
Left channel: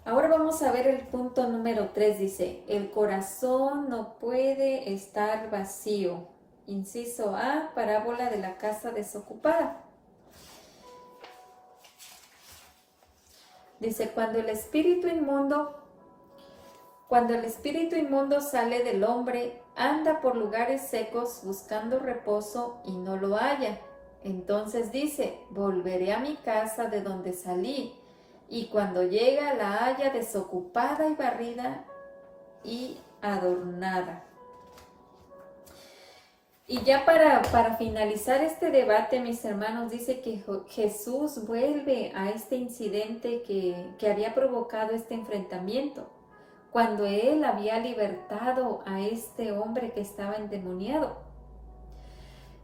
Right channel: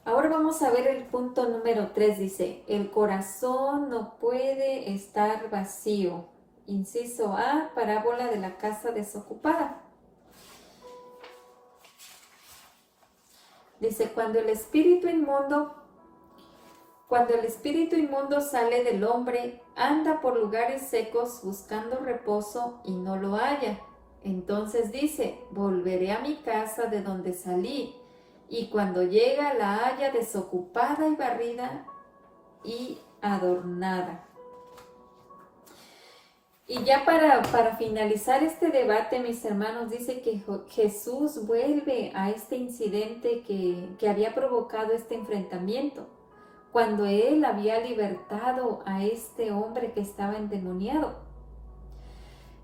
Ahora vamos a ver el punto número 3, dice, el corazón no puede estar vacío. Inciso A, parábola de la casa desocupada. Dice, cuando el espíritu inmundo sale del hombre, anda por lugares secos buscando reposo y no lo halla. Entonces dice, volveré a mi casa de donde salí, y cuando llega la halla desocupada y barrida y adornada. Y ya para finalizar este debate, mis hermanos, dice que Jesús vuelve a este incidente que había provocado este enfrentamiento, cuando él había libertado a este hombre que estaba endemoniado,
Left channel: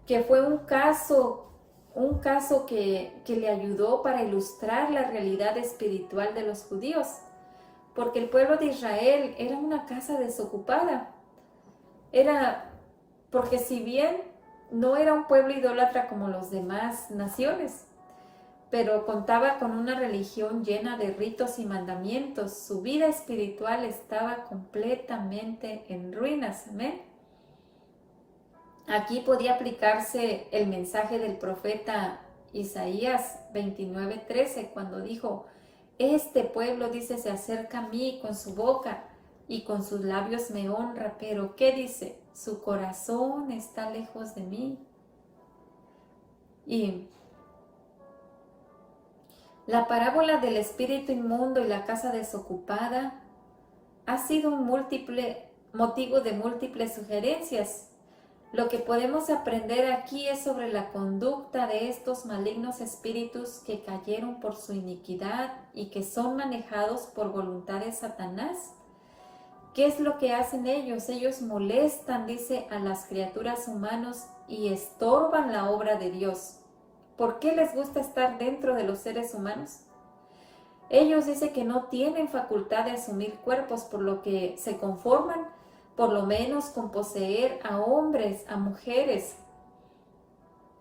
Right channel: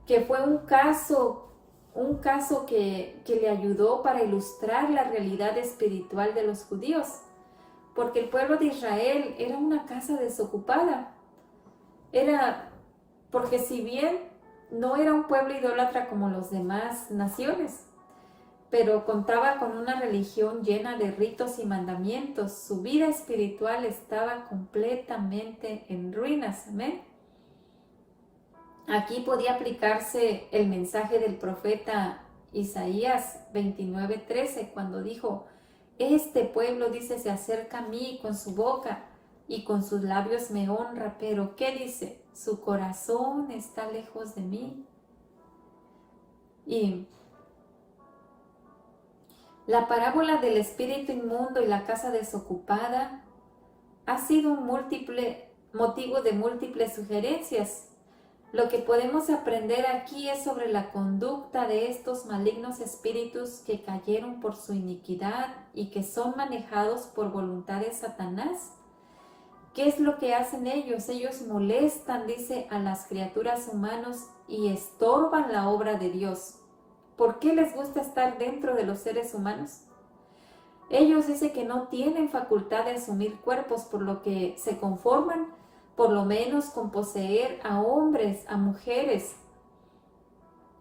que fue un caso que le ayudó para ilustrar la realidad espiritual de los judíos, porque el pueblo de Israel era una casa desocupada. Porque si bien no era un pueblo idólatra como los demás naciones, pero contaba con una religión llena de ritos y mandamientos, su vida espiritual estaba completamente en ruinas. Amén. Aquí podía aplicarse el mensaje del profeta Isaías 29:13, cuando dijo, este pueblo, dice, se acerca a mí con su boca y con sus labios me honra, pero ¿qué dice? Su corazón está lejos de mí. Y la parábola del espíritu inmundo y la casa desocupada ha sido un motivo de múltiples sugerencias. Lo que podemos aprender aquí es sobre la conducta de estos malignos espíritus que cayeron por su iniquidad y que son manejados por voluntad de Satanás. ¿Qué es lo que hacen ellos? Ellos molestan, dice, a las criaturas humanas y estorban la obra de Dios. ¿Por qué les gusta estar dentro de los seres humanos? Ellos dicen que no tienen facultad de asumir cuerpos, por lo que se conforman por lo menos con poseer a hombres, a mujeres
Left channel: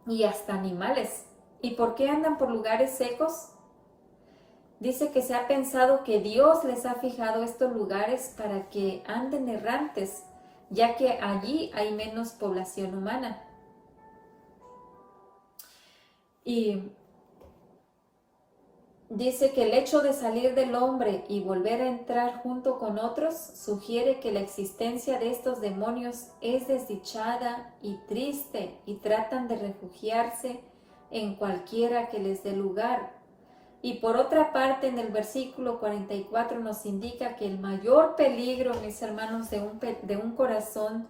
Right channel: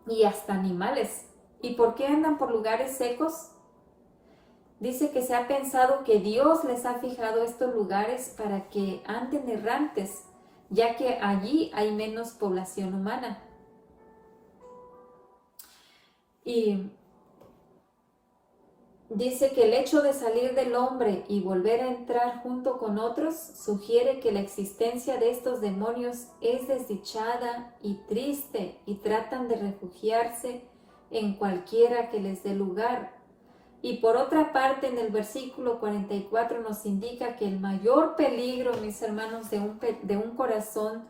y hasta animales. ¿Y por qué andan por lugares secos? Dice que se ha pensado que Dios les ha fijado estos lugares para que anden errantes, ya que allí hay menos población humana. Y dice que el hecho de salir del hombre y volver a entrar junto con otros sugiere que la existencia de estos demonios es desdichada y triste y tratan de refugiarse en cualquiera que les dé lugar. Y por otra parte, en el versículo 44 nos indica que el mayor peligro, mis hermanos, de un corazón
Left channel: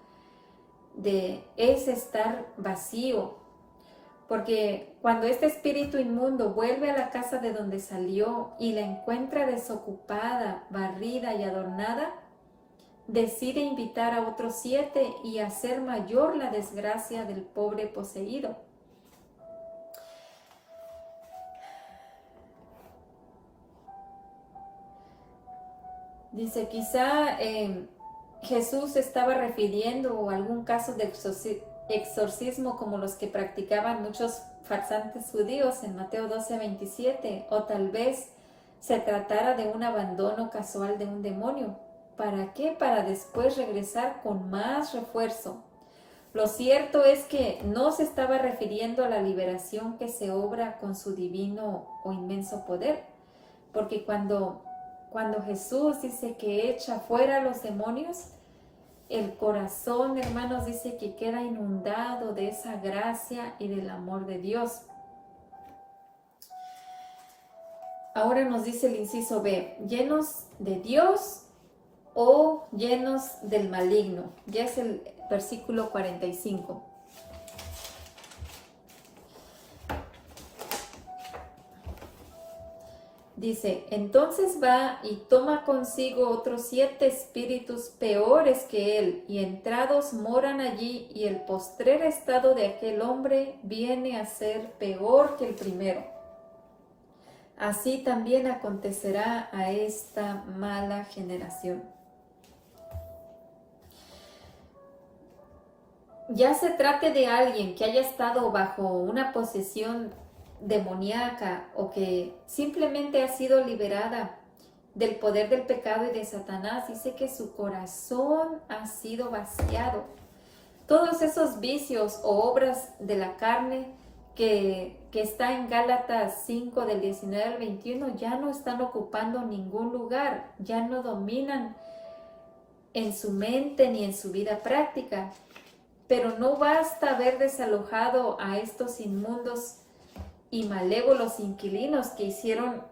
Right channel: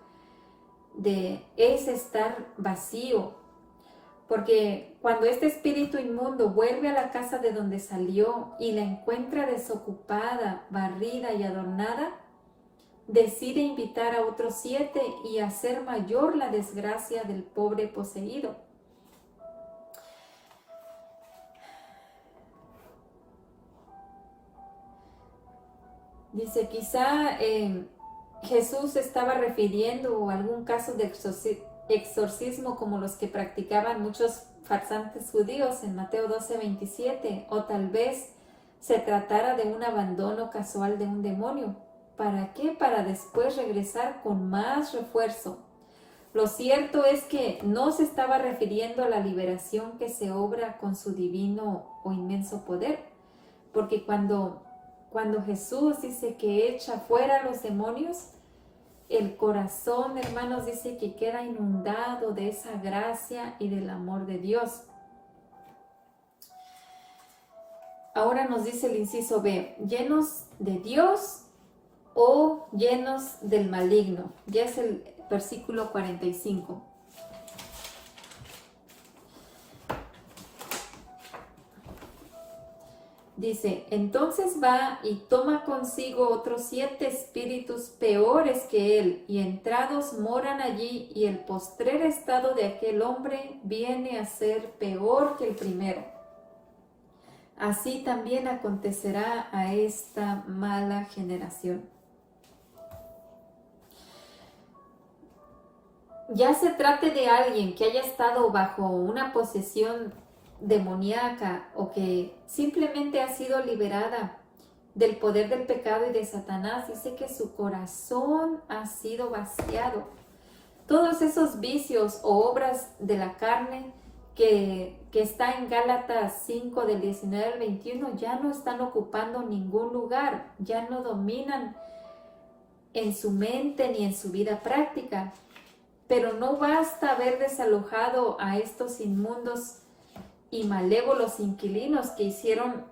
es estar vacío. Porque cuando este espíritu inmundo vuelve a la casa de donde salió y la encuentra desocupada, barrida y adornada, decide invitar a otros 7 y hacer mayor la desgracia del pobre poseído. Dice, quizá Jesús estaba refiriendo a algún caso de exorcismo como los que practicaban muchos farsantes judíos en Mateo 12:27, o tal vez se tratara de un abandono casual de un demonio. ¿Para qué? Para después regresar con más refuerzo. Lo cierto es que no se estaba refiriendo a la liberación que se obra con su divino o inmenso poder, porque cuando Jesús dice que echa fuera a los demonios, el corazón, hermanos, dice que queda inundado de esa gracia y del amor de Dios. Ahora nos dice el inciso B, llenos de Dios o llenos del maligno. Ya es el versículo 45. Dice, entonces va y toma consigo otros 7 espíritus peores que él, y entrados moran allí, y el postrer estado de aquel hombre viene a ser peor que el primero. Así también acontecerá a esta mala generación. Ya se trate de alguien que haya estado bajo una posesión demoníaca o que simplemente ha sido liberada del poder del pecado y de Satanás, dice que su corazón ha sido vaciado. Todos esos vicios o obras de la carne que está en Gálatas 5 del 19 al 21 ya no están ocupando ningún lugar, ya no dominan en su mente ni en su vida práctica. Pero no basta haber desalojado a estos inmundos y malévolos inquilinos que hicieron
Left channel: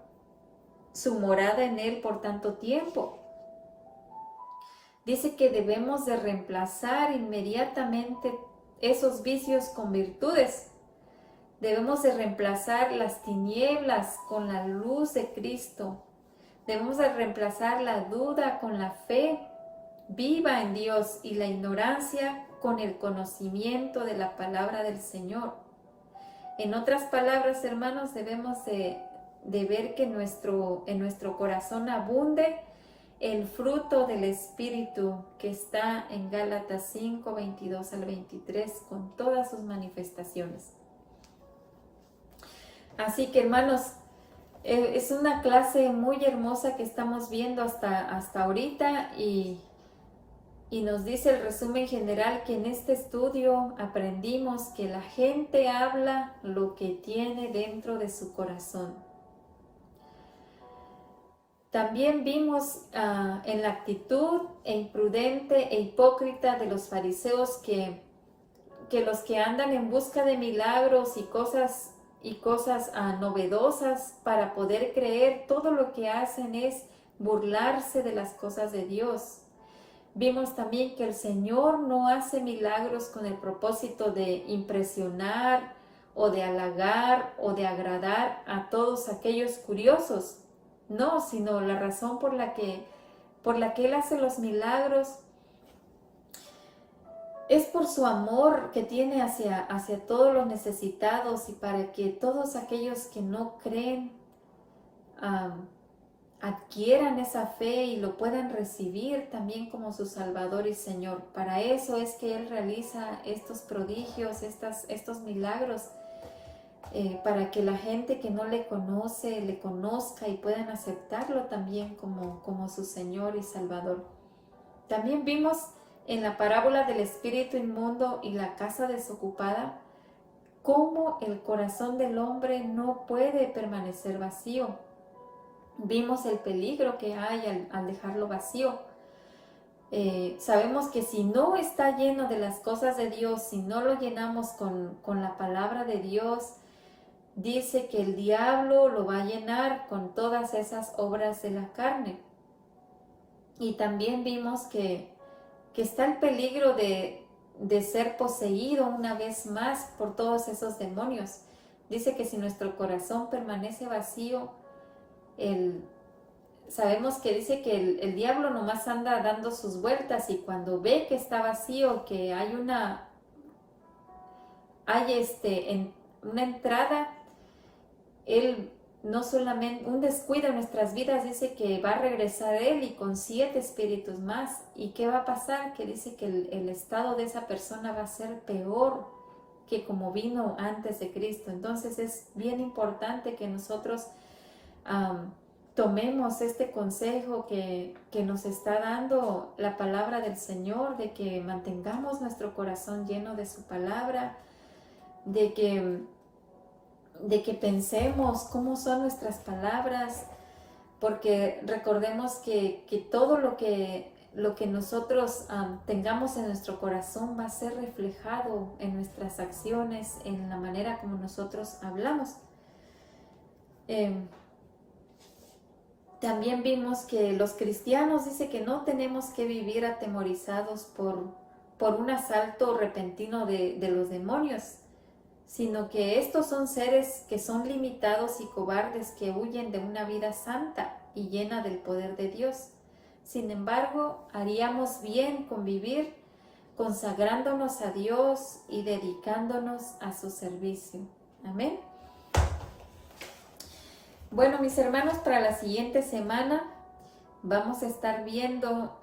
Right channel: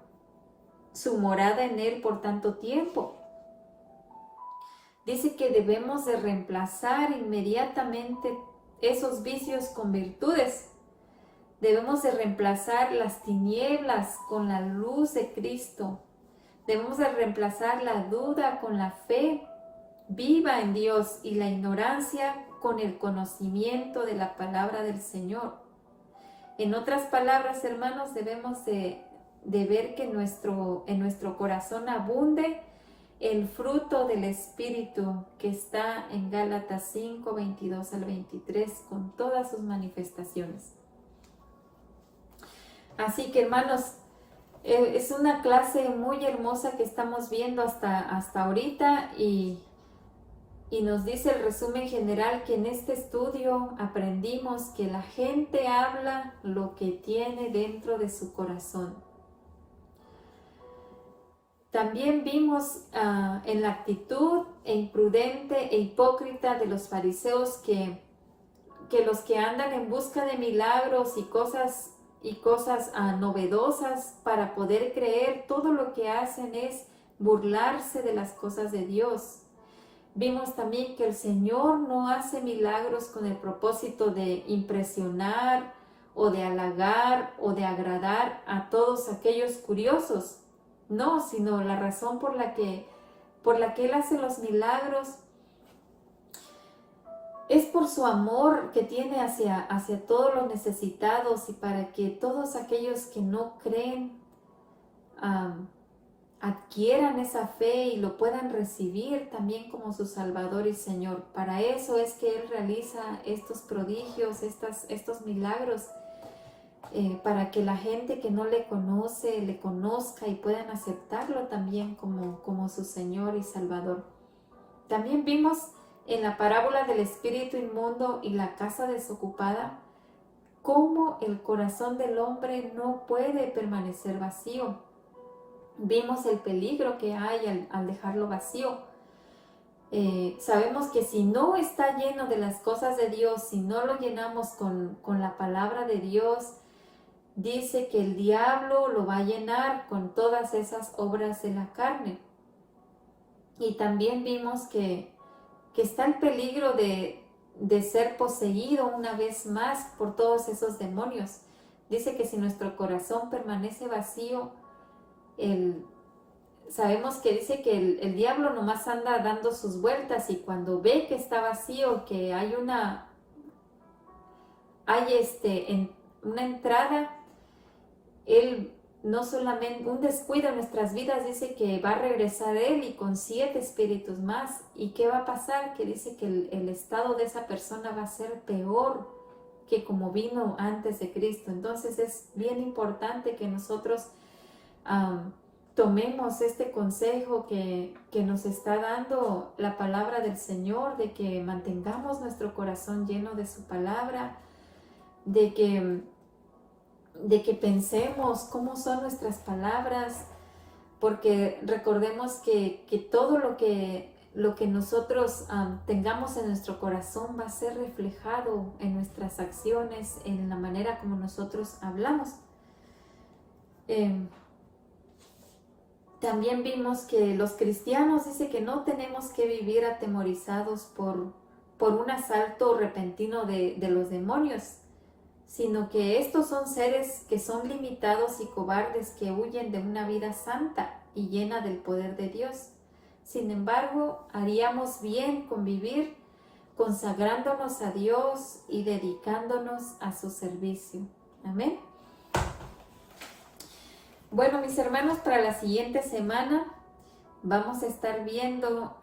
su morada en él por tanto tiempo. Dice que debemos de reemplazar inmediatamente esos vicios con virtudes. Debemos de reemplazar las tinieblas con la luz de Cristo. Debemos de reemplazar la duda con la fe viva en Dios y la ignorancia con el conocimiento de la palabra del Señor. En otras palabras, hermanos, debemos de ver que en nuestro corazón abunde el fruto del Espíritu que está en Gálatas 5, 22 al 23, con todas sus manifestaciones. Así que, hermanos, es una clase muy hermosa que estamos viendo hasta ahorita y nos dice el resumen general que en este estudio aprendimos que la gente habla lo que tiene dentro de su corazón. También vimos en la actitud imprudente e hipócrita de los fariseos que los que andan en busca de milagros y cosas novedosas para poder creer, todo lo que hacen es burlarse de las cosas de Dios. Vimos también que el Señor no hace milagros con el propósito de impresionar o de halagar o de agradar a todos aquellos curiosos. No, sino la razón por la que Él hace los milagros es por su amor que tiene hacia todos los necesitados y para que todos aquellos que no creen adquieran esa fe y lo puedan recibir también como su Salvador y Señor. Para eso es que Él realiza estos prodigios, estos milagros, para que la gente que no le conoce, le conozca y puedan aceptarlo también como su Señor y Salvador. También vimos en la parábola del espíritu inmundo y la casa desocupada cómo el corazón del hombre no puede permanecer vacío. Vimos el peligro que hay al dejarlo vacío. Sabemos que si no está lleno de las cosas de Dios, si no lo llenamos con la palabra de Dios, dice que el diablo lo va a llenar con todas esas obras de la carne. Y también vimos que está el peligro de ser poseído una vez más por todos esos demonios. Dice que si nuestro corazón permanece vacío, sabemos que dice que el diablo nomás anda dando sus vueltas y cuando ve que está vacío, que hay una entrada, él no solamente un descuido en nuestras vidas, dice que va a regresar él y con 7 espíritus más. ¿Y qué va a pasar? Que dice que el estado de esa persona va a ser peor que como vino antes de Cristo. Entonces es bien importante que nosotros tomemos este consejo que nos está dando la palabra del Señor, de que mantengamos nuestro corazón lleno de su palabra, de que pensemos cómo son nuestras palabras, porque recordemos que todo lo que nosotros tengamos en nuestro corazón va a ser reflejado en nuestras acciones, en la manera como nosotros hablamos. También vimos que los cristianos dice que no tenemos que vivir atemorizados por un asalto repentino de los demonios, sino que estos son seres que son limitados y cobardes que huyen de una vida santa y llena del poder de Dios. Sin embargo, haríamos bien con vivir consagrándonos a Dios y dedicándonos a su servicio. Amén. Bueno, mis hermanos, para la siguiente semana vamos a estar viendo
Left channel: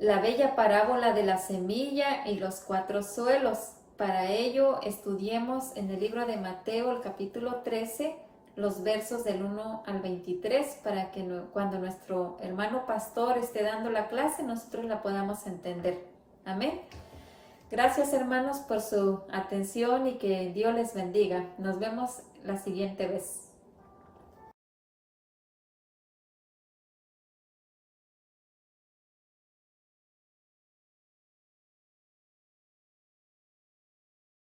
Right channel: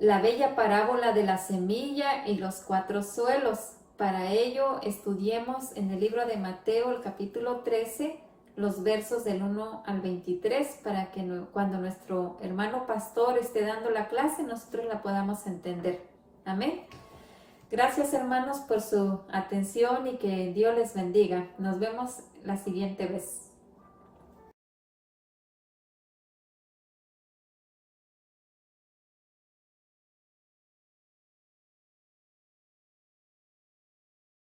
la bella parábola de la semilla y los 4 suelos. Para ello, estudiemos en el libro de Mateo, el capítulo 13, los versos del 1 al 23, para que cuando nuestro hermano pastor esté dando la clase, nosotros la podamos entender. Amén. Gracias, hermanos, por su atención y que Dios les bendiga. Nos vemos la siguiente vez.